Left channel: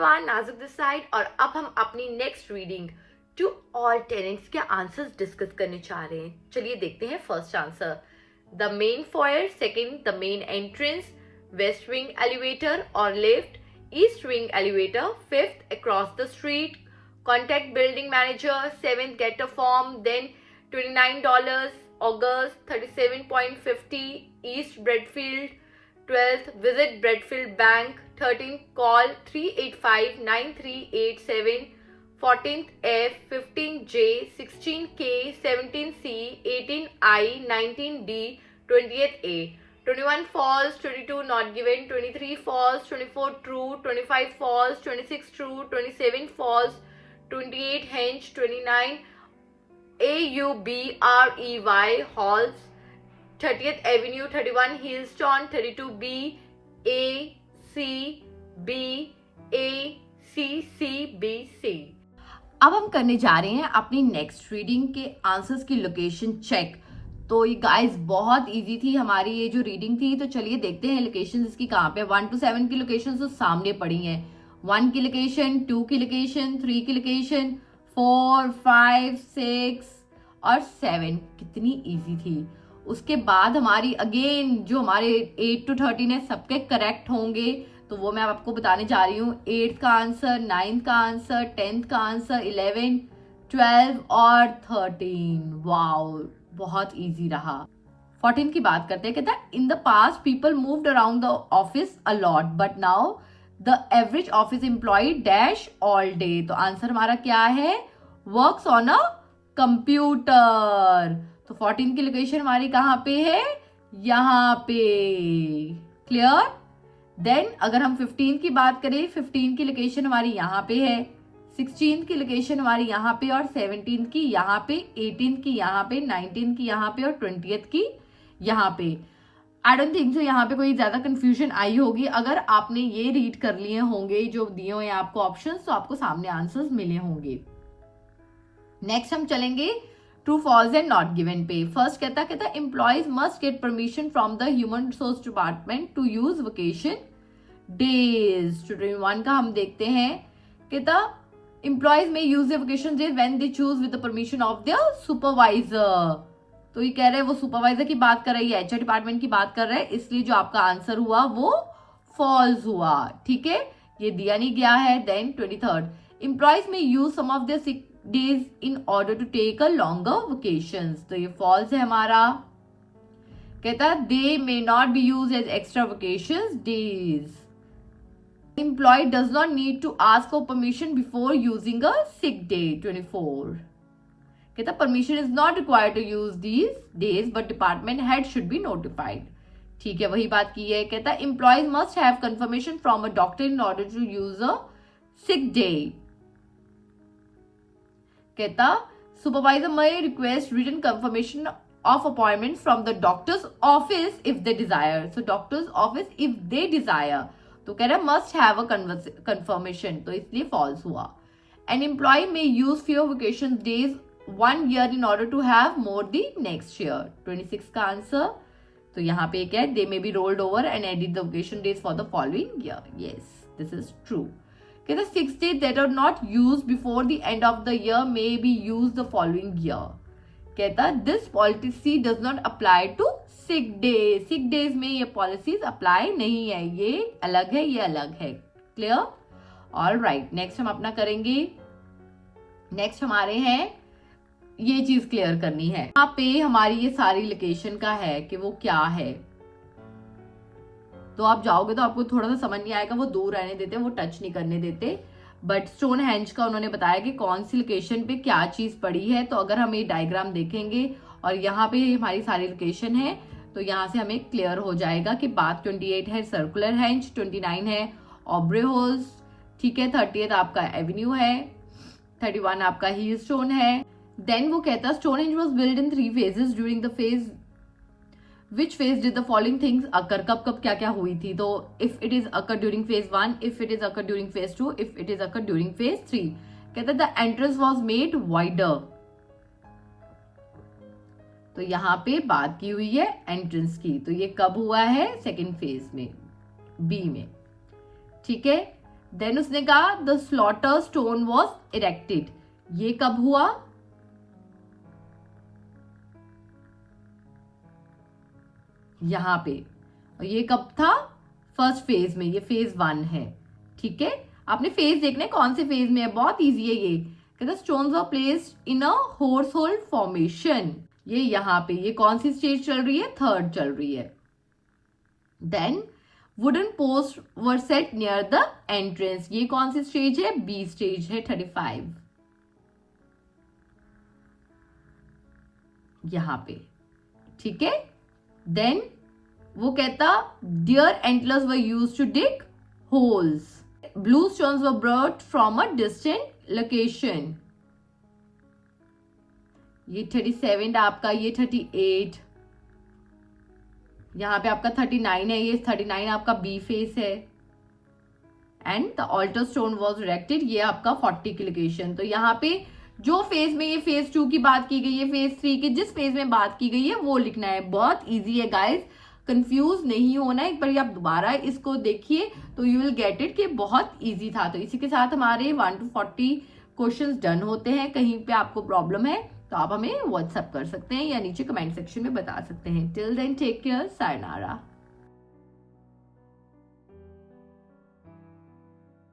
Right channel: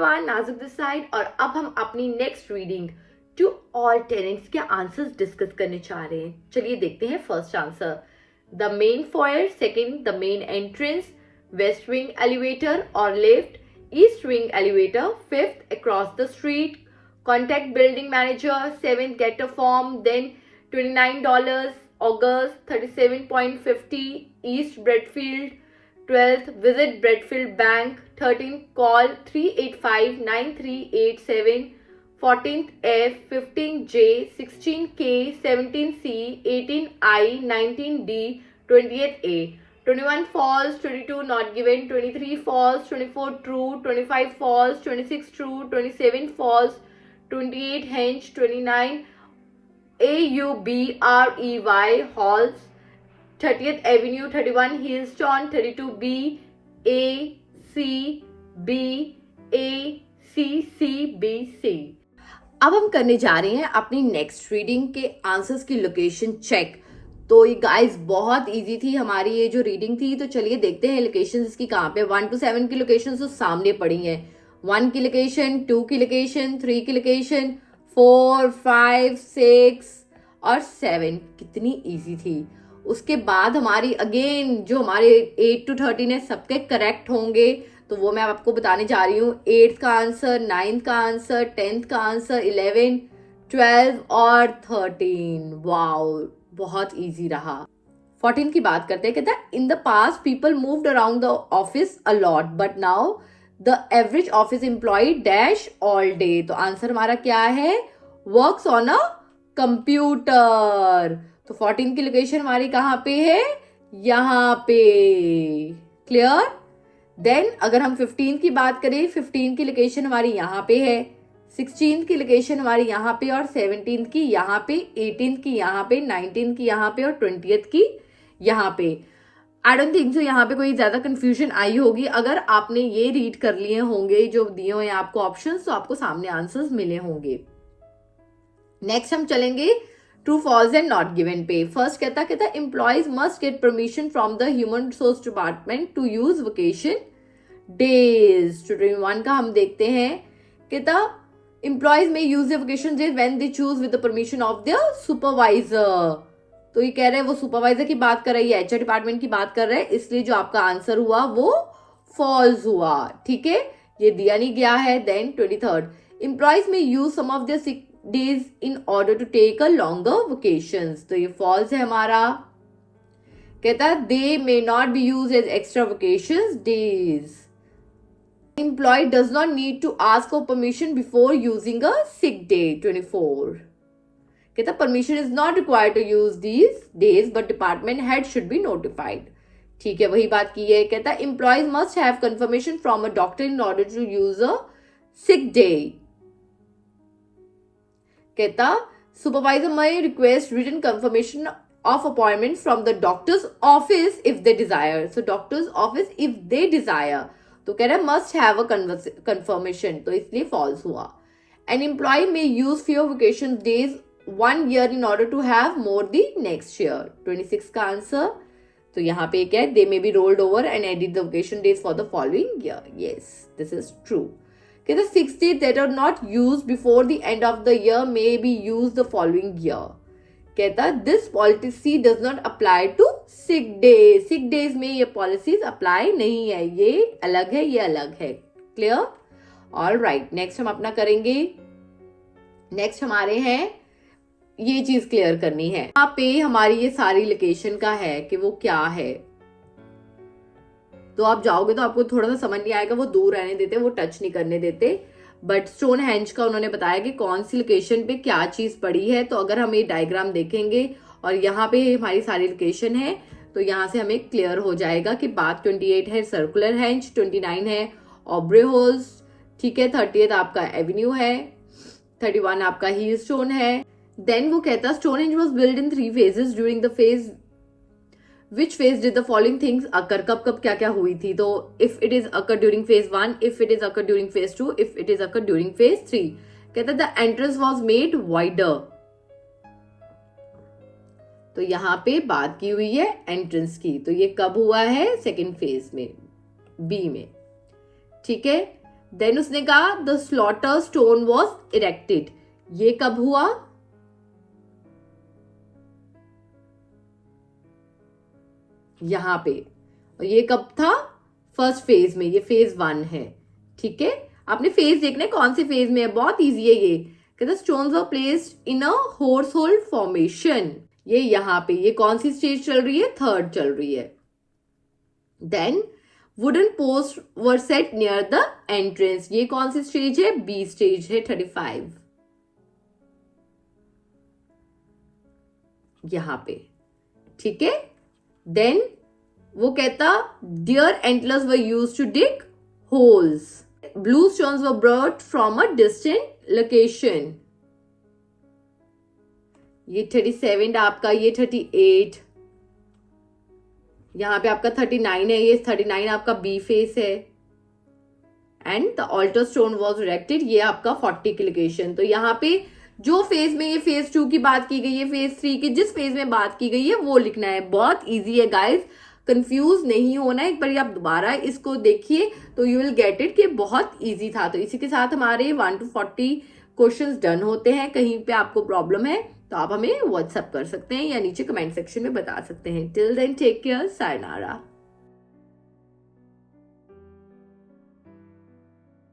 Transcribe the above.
Everyone, नाजुक this side. और अब हम अपनी next reading to all tenants के आंसर्स डिस्कस करने चाह रहे हैं। चलिए देखते हैं first answer. The main foyer, second the main entrance, west wing elevator और lift, east wing elevator, fifth across the street, contact building manager, seventh get a form, then $29, August 37.50, East Bradfield, 12th visit Bradfield Bank, 13th call 385-9387, 14th F, 15J, 16K, 17C, 18I, 19D, 20th A, 21 false, 22 not given, 23 false, 24 true, 25 false, 26 true, 27 false, 28 hench, 29 AUBREY halls, 30th Avenue, 31 Hillstone, 32B A C B A C C B C। अब हम करने जा रहे हैं अपनी next reading के answers की location check. तो ये गाइस बहुत इजी थी हमारी ये जो रीडिंग थी। तो चलिए देखते हैं लोकेशन इसकी कहाँ पे। 1 to 7 की लोकेशन तो सामने पड़ी है। 1 की लोकेशन, 2 की लोकेशन, 3 की लोकेशन, 4, 5, 6 और 7। कितनी इजी थी। उसके बाद हमारी अगेन जो हमारे 8 to 13 है सबके करेक्ट होंगे। तो वो मैं आपको बताने जा रही हूँ। 8th का आंसर, 9th का आंसर, 10th का आंसर, 11, 12 और 13। वाओ, बहुत इजी रहा। 14 की बात करते हैं। कहता है in the past people moved around the office a lot but now the average office employee dash all day. तो आंसर हमारा क्या है? Works on a computer. तो 14 की लोकेशन हमारी कहाँ पे है? यहाँ पे। क्लियर? देन अगर हम 15 की बात करें, 15 की लोकेशन हमारी यहाँ पे है, 16 की लोकेशन हमारी यहाँ पे और 17 की यहाँ पे, 18 की यहाँ पे, 19 की यहाँ पे और 20th की यहाँ पे। आई डोंट थिंक सो यहाँ पे कोई ज्यादा कंफ्यूजन आई होगी। अगर आपने ये रीड कर लिए होंगे जो दिए हुए हैं आपको ऑप्शंस, तो आपको सामने आंसर्स मिले होंगे। नेक्स्ट हम चलेंगे true false and not given पे। फर्स्ट कहता employees must get permission from the human resource department to use vacation days. 21 का हम देखते हैं। कहता एम्प्लॉयज में use the vacation days when they choose with the permission of the supervisor. तो ये कह रहे हैं वो सुपरवाइजर की बात कर रही है, एचआर डिपार्टमेंट की बात कर रहे हैं, इसलिए जो आपका आंसर हुआ वो फॉल्स हुआ। ठीक है, ये दिया नहीं गया है। देन 23rd एम्प्लॉयज में use some of the sick days in order to take a longer vacations. तो ये फॉल्स है हमारा। कहता they may not be use as extra vacations days. Employee does not need to ask for permission before using a sick day। 24 कहता permission is not required to use these days but department head should be notified। ठीक है, वही बात की है। कहता employees must have confirmation from a doctor in order to use a sick day। कहता supervisor may request written confirmation of appointment from the doctor's office if they desire। So doctor's office if they desire। तो कह रहा है must have a confirmation, तो इसलिए false हुआ। N employ में use few vacation days 1 year in order to have more the next year। 26 का answer. तो यहाँ पे क्या है? They may be rolled over and edit the vacation days for the following year. Yes, this is true. कहते 6 days that are not used before the end of the year may be used the following year। कहता this policy does not apply to sick days. Sick days में ये policies apply नहीं है, ये अलग है, ये अलग है। क्लियर? ऑलराइट, नेक्स्ट हम अपना करेंगे। नेक्स्ट हमारे हैं, ये चीज क्लियर करनी है। यहाँ पे हमारी ये सारी लोकेशन का है कि वो क्या है। तो आप जाओगे तो आपको थोड़ा सा समझ नहीं आएगा, वो दूर रहने देते, वो टच नहीं करने देते। बट स्टोन हेंज का उन्होंने बताया कि कौन सी लोकेशन पे क्या चीज पड़ी है। तो अगर हम ये डायग्राम देखेंगे और यहाँ पे हमारी सारी लोकेशन है, तो यहाँ से हमें क्लियर हो जाएगा कि बात 28 है सर्कुलर हेंज, 29 है ऑब्रे होल्स, ठीक है, 30th आपका एवेन्यू है, 31 आपका हील स्टोन है। देन वो कहता stone henge was build in 3 phases during the phase Which phase did the following things occur? कब कब क्या क्या हुई थी? तो if it is occur during phase 1, if it is occur during phase 2, if it is occur during phase 3। कहता the entrance was made wider। तो यहाँ पे बात की हुई है एंट्रेंस की। तो ये कब हुआ है? सेकेंड फेज में, बी में। ठीक है, देन उसने कहा the slaughter stone was erected, ये कब हुआ? यहां पे। और ये कब था? फर्स्ट फेज में, ये फेज 1 है। ठीक है, आपने फेज देखना है कौन से फेज में है, बहुत इजी है ये। कहते stones were placed in a horse hold formation, ये यहां पे, ये कौन सी स्टेज चल रही है? थर्ड चल रही है। Then wooden post were set near the entrance, ये कौन सी स्टेज है? बी स्टेज है, 35 यहां पे। ठीक है, देन वो कहता deer antlers were used to dig holes, blue stones were brought from a distant location, ये 37 आपका, ये 38, यहां पे आपका 39 है, ये 39 आपका बी फेस है। And the altar stone was erected, ये आपका 40 की लोकेशन। तो यहाँ पे जो फेज में ये फेज 2 की बात की गई है, फेज 3 की जिस फेज में बात की गई है वो लिखना है। बहुत इजी है गाइस, कंफ्यूज नहीं होना है। एक बार आप दोबारा इसको देखिए तो यू विल गेट इट कि बहुत इजी था। तो इसी के साथ हमारे 1 to 40 क्वेश्चंस डन होते हैं। कहीं पे आपको प्रॉब्लम है तो आप हमें व्हाट्सएप कर सकते हैं या नीचे कमेंट सेक्शन में बता सकते हैं। Till then take care, sayonara.